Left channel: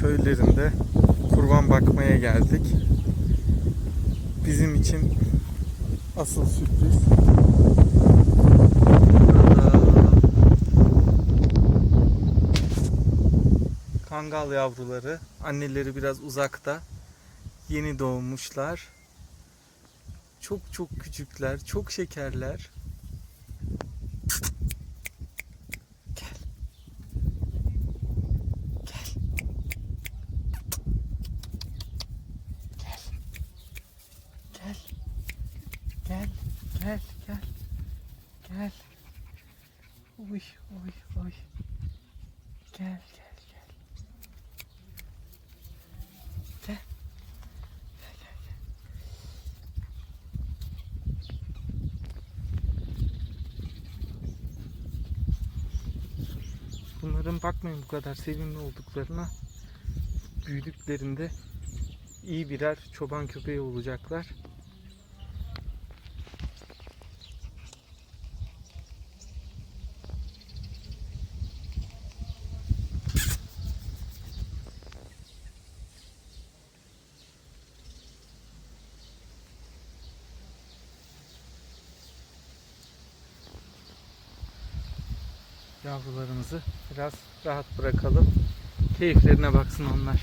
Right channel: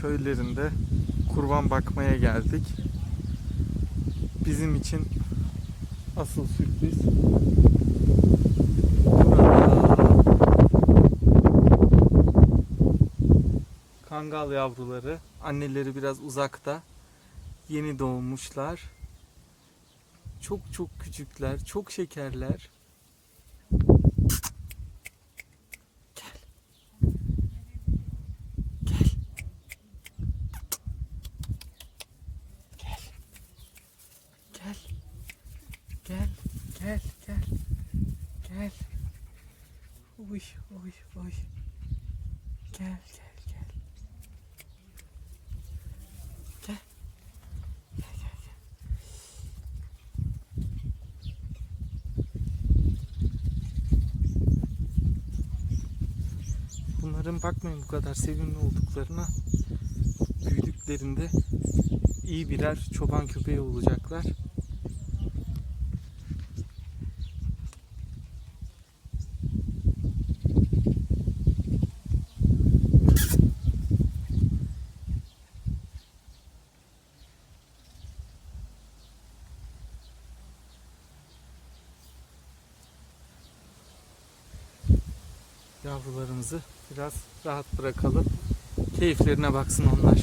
köylerinde kurban bakmaya geldik. Bizim için asıl sürpriz. Kangal yavruları. Anneleri biraz uzakta. Yeni doğmuşlar. Çok çok küçükler, çok şekerler. Gel. Gel. Gel. Gel. Uy, uy, uy. Gel, gel, gel. Gel. Gel, gel. Bunların bakmayın bu kadar sevimli olduklarına. Büyüdüklerinde iyi birer çoban köpeği olacaklar. Yavrularımızı biraz rahat bırakalım. Keyiflerine baksın onlar.